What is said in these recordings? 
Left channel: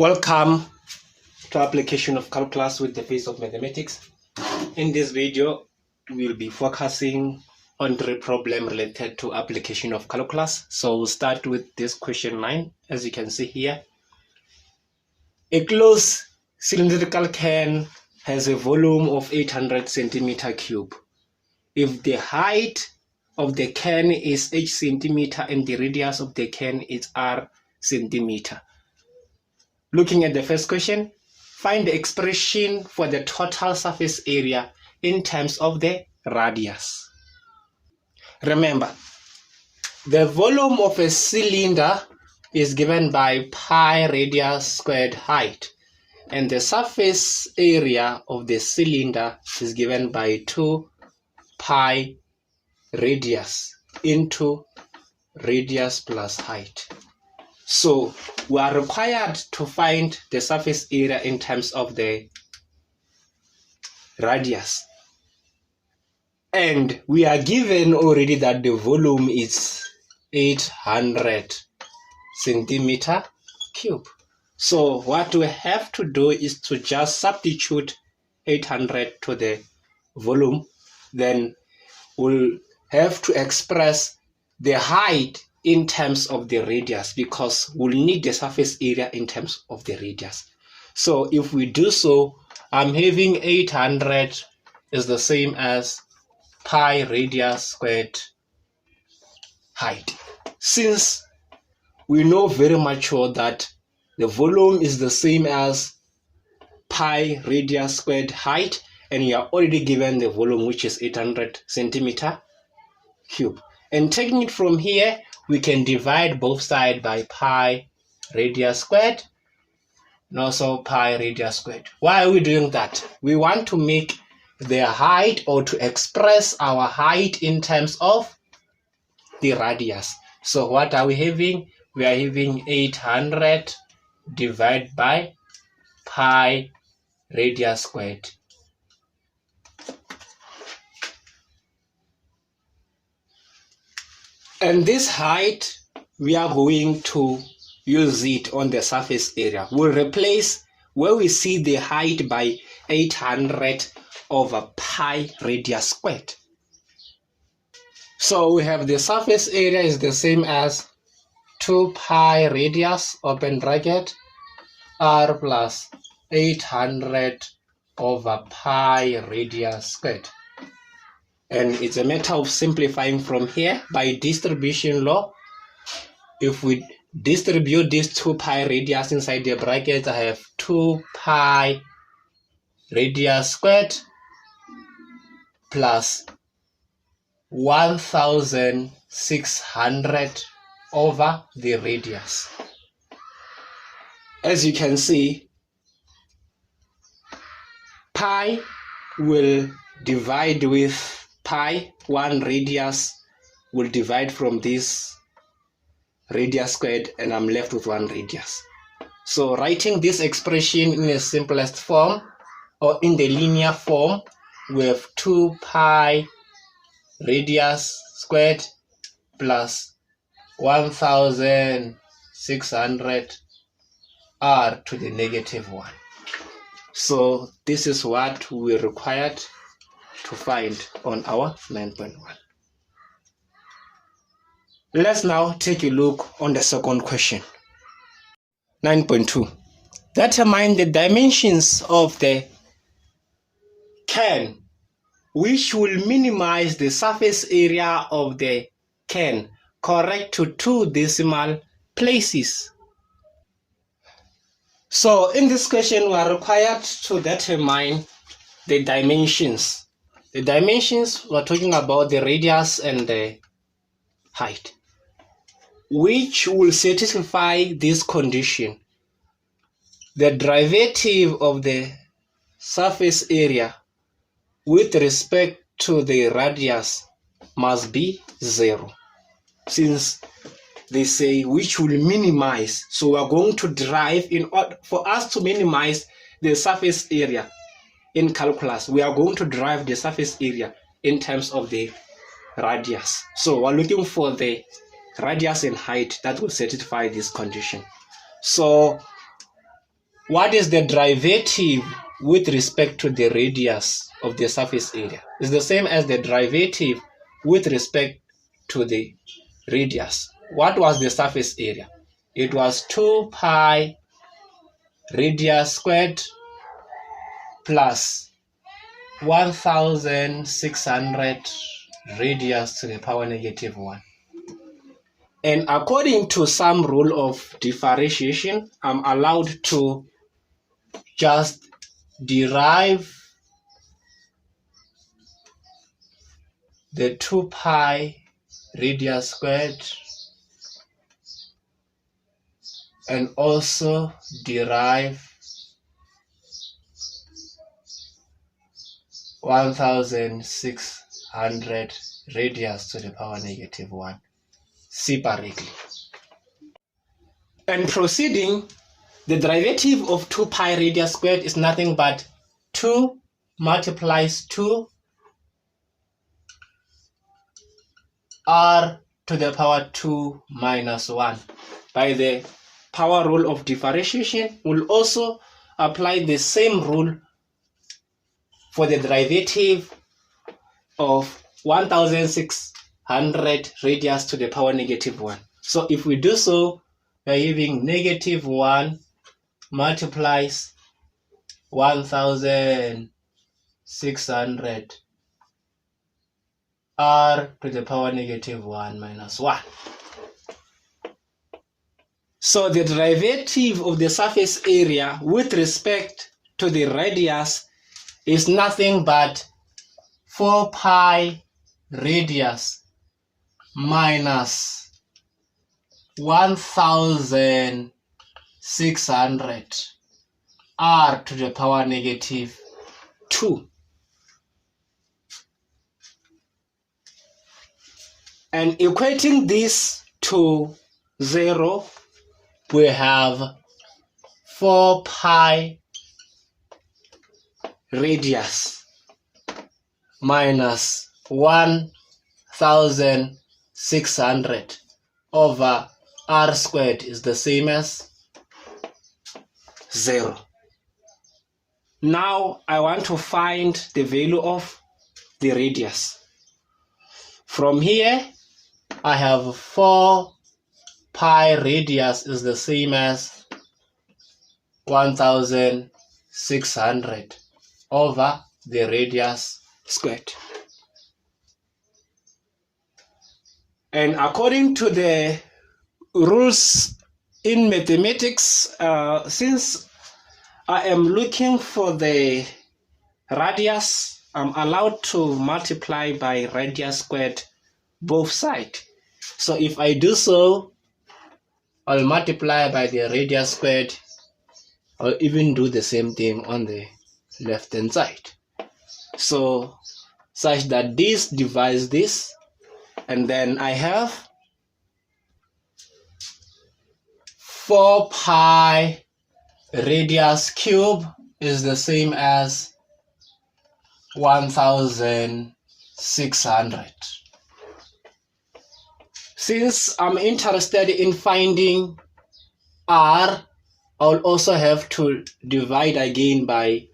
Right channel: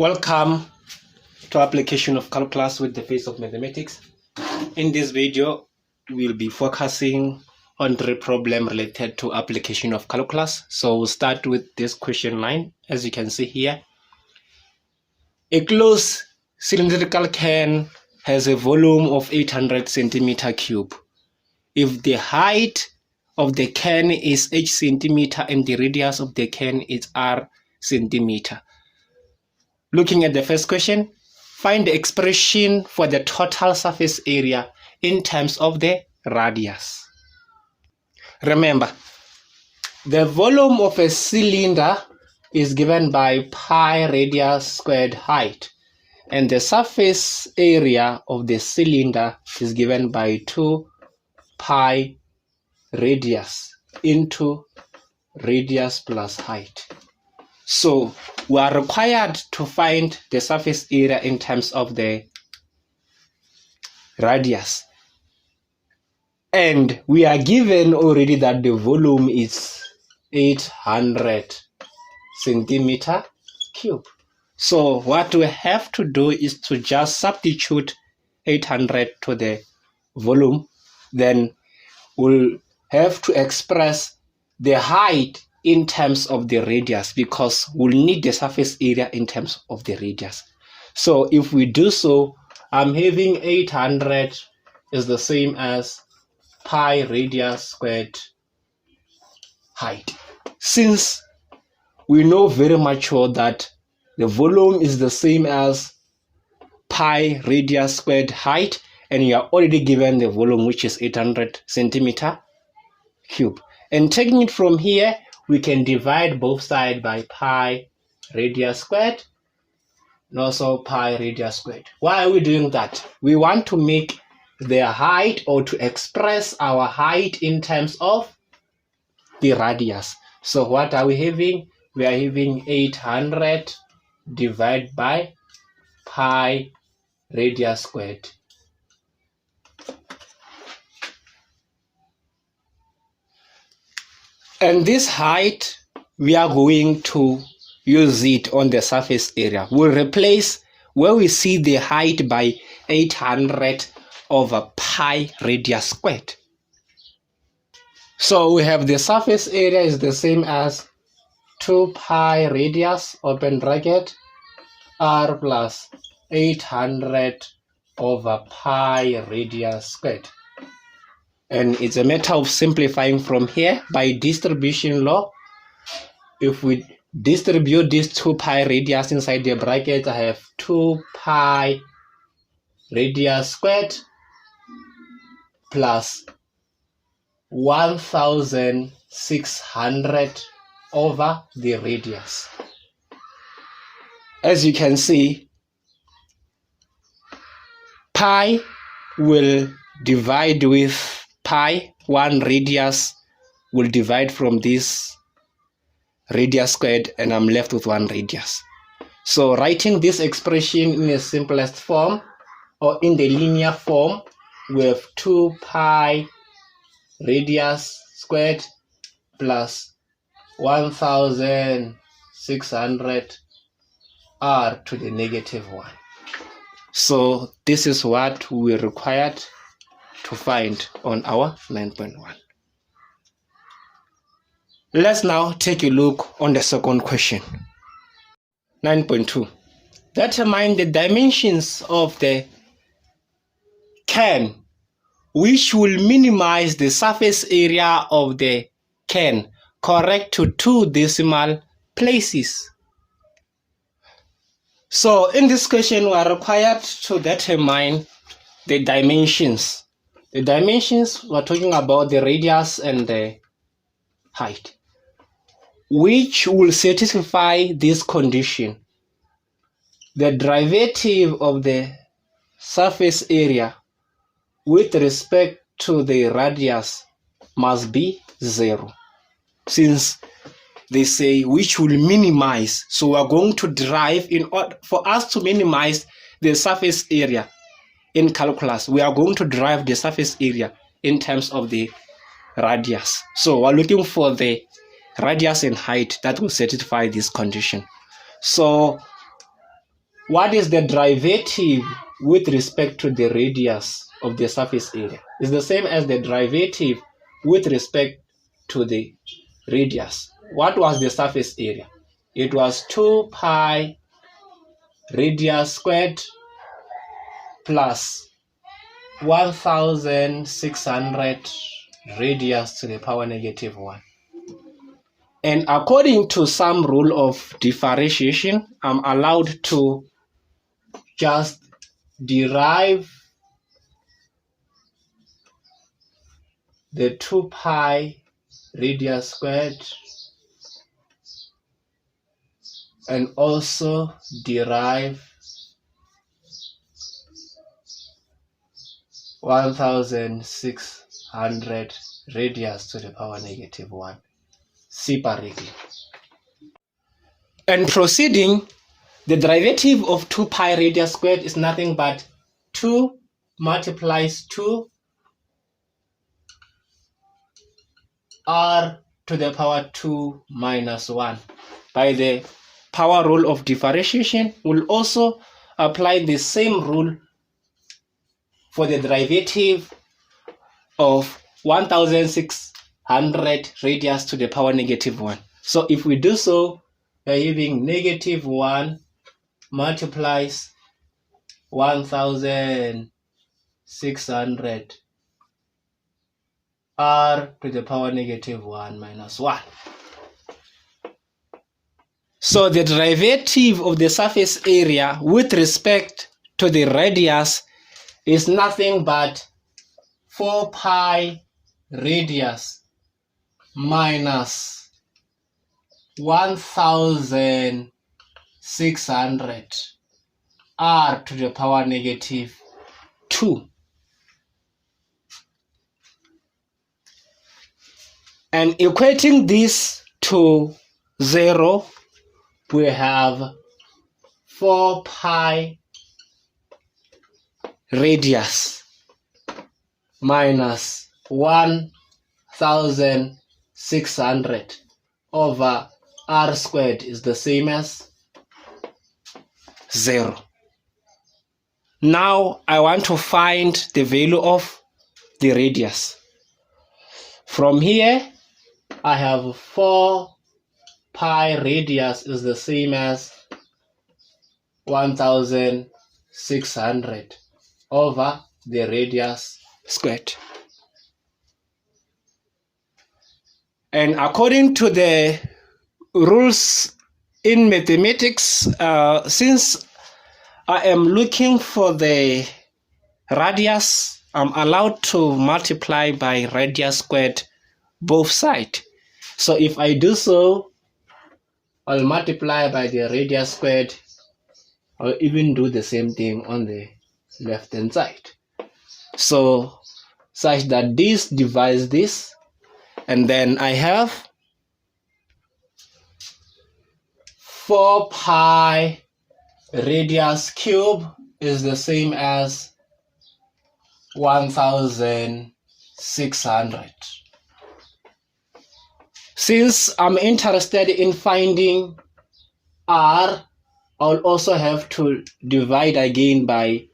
Welcome to application of calculus with the face of mathematics. In this video, we'll be focusing on the problem related to application of calculus. So we'll start with this question 9. As you can see here, a closed cylindrical can has a volume of 800 centimeter cube. If the height of the can is h centimeter and the radius of the can is r centimeter. Looking at the first question, find the expression for the total surface area in terms of the radius. Remember, the volume of a cylinder is given by pi radius squared height, and the surface area of the cylinder is given by 2 pi radius into radius plus height. So we are required to find the surface area in terms of the radius. And we are given already that the volume is 800 centimeter cube. So what we have to do is to just substitute 800 to the volume. Then we'll have to express the height in terms of the radius, because we'll need the surface area in terms of the radius. So if we do so, I'm having 800 is the same as pi radius squared height. Since we know very much well that the volume is the same as pi radius squared height, and you are already given the volume, which is 800 centimeter cube. And taking it from here, we can divide both sides by pi radius squared and also pi radius squared. Why are we doing that? We want to make the height, or to express our height in terms of the radius. So what are we having? We are having 800 divided by pi radius squared. And this height, we are going to use it on the surface area. We'll replace where we see the height by 800 over pi radius squared. So we have the surface area is the same as 2 pi radius, open bracket, r plus 800 over pi radius squared. And it's a matter of simplifying from here by distribution law. If we distribute these 2 pi radius inside the bracket, I have 2 pi radius squared plus 1600 over the radius. As you can see, pi will divide with pi, 1 radius will divide from this radius squared, and I'm left with 1 radius. So writing this expression in the simplest form, or in the linear form, we have 2 pi radius squared plus 1600 r to the negative 1. So this is what we required to find on our 9.1. Let's now take a look on the second question. 9.2. Determine the dimensions of the can, which will minimize the surface area of the can, correct to 2 decimal places. So in this question, we are required to determine the dimensions. The dimensions, we're talking about the radius and the height, which will satisfy this condition. The derivative of the surface area with respect to the radius must be 0. Since they say which will minimize, so we're going to derive, in order for us to minimize the surface area in calculus, we are going to derive the surface area in terms of the radius. So we're looking for the radius and height that will satisfy this condition. So what is the derivative with respect to the radius of the surface area? It's the same as the derivative with respect to the radius. What was the surface area? It was 2 pi radius squared plus 1600 radius to the power negative 1. And according to some rule of differentiation, I'm allowed to just derive the 2 pi radius squared and also derive 1600 radius to the power negative 1 separately. And proceeding, the derivative of 2 pi radius squared is nothing but 2 multiplies 2 r to the power 2 minus 1. By the power rule of differentiation, we'll also apply the same rule for the derivative of 1600 radius to the power negative 1. So if we do so, we're having negative 1 multiplies 1600 r to the power negative 1 minus 1. So the derivative of the surface area with respect to the radius is nothing but 4 pi radius minus 1600 r to the power negative 2. And equating this to 0, we have 4 pi radius minus 1600 over r squared is the same as 0. Now I want to find the value of the radius. From here, I have 4 pi radius is the same as 1600 over the radius squared. And according to the rules in mathematics, since I am looking for the radius, I'm allowed to multiply by radius squared both sides. So if I do so, I'll multiply by the radius squared. I'll even do the same thing on the left hand side. So such that this divides this, and then I have 4 pi radius cube is the same as 1600. Since I'm interested in finding r, I'll also have to divide again by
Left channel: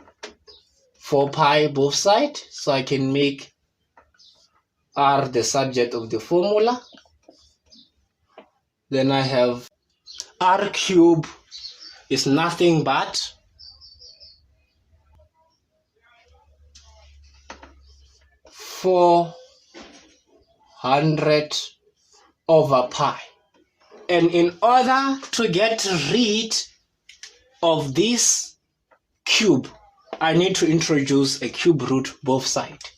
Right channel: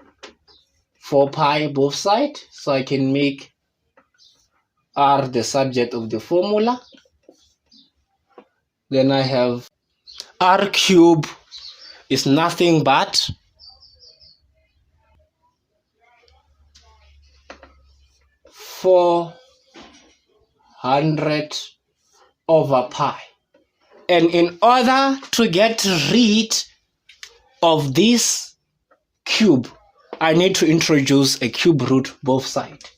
4 pi both sides, so I can make r the subject of the formula. Then I have r cube is nothing but 400 over pi. And in order to get rid of this cube, I need to introduce a cube root both sides.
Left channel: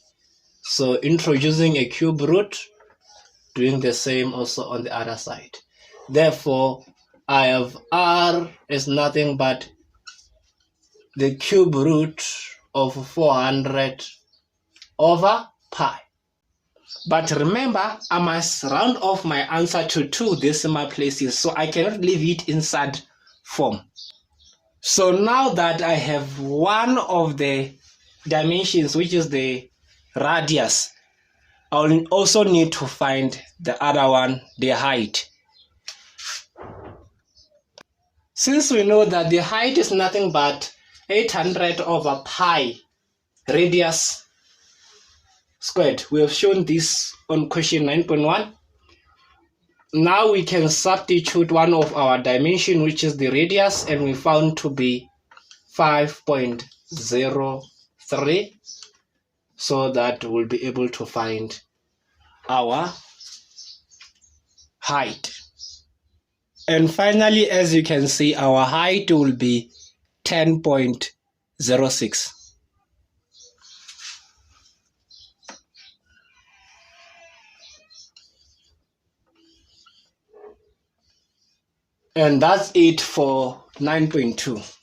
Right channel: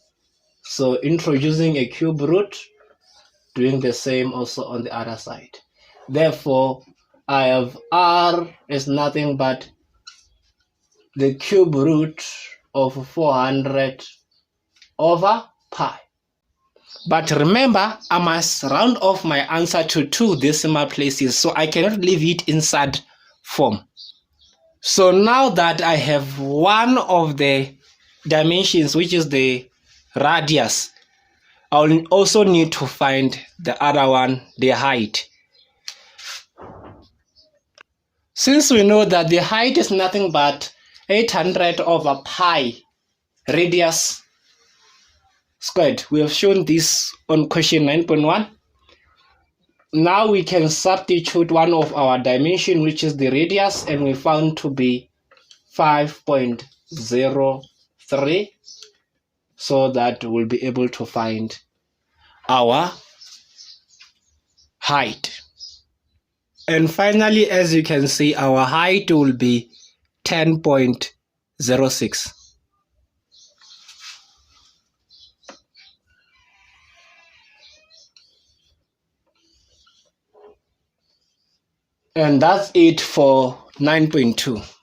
So introducing a cube root, doing the same also on the other side. Therefore, I have r is nothing but the cube root of 400 over pi. But remember, I must round off my answer to 2 decimal places, so I cannot leave it inside form. So now that I have one of the dimensions, which is the radius, I'll also need to find the other one, the height. Since we know that the height is nothing but 800 over pi radius squared, we have shown this on question 9.1. Now we can substitute one of our dimension, which is the radius, and we found to be 5.03, so that we'll be able to find our height. And finally, as you can see, our height will be 10.06. And that's it for 9.2.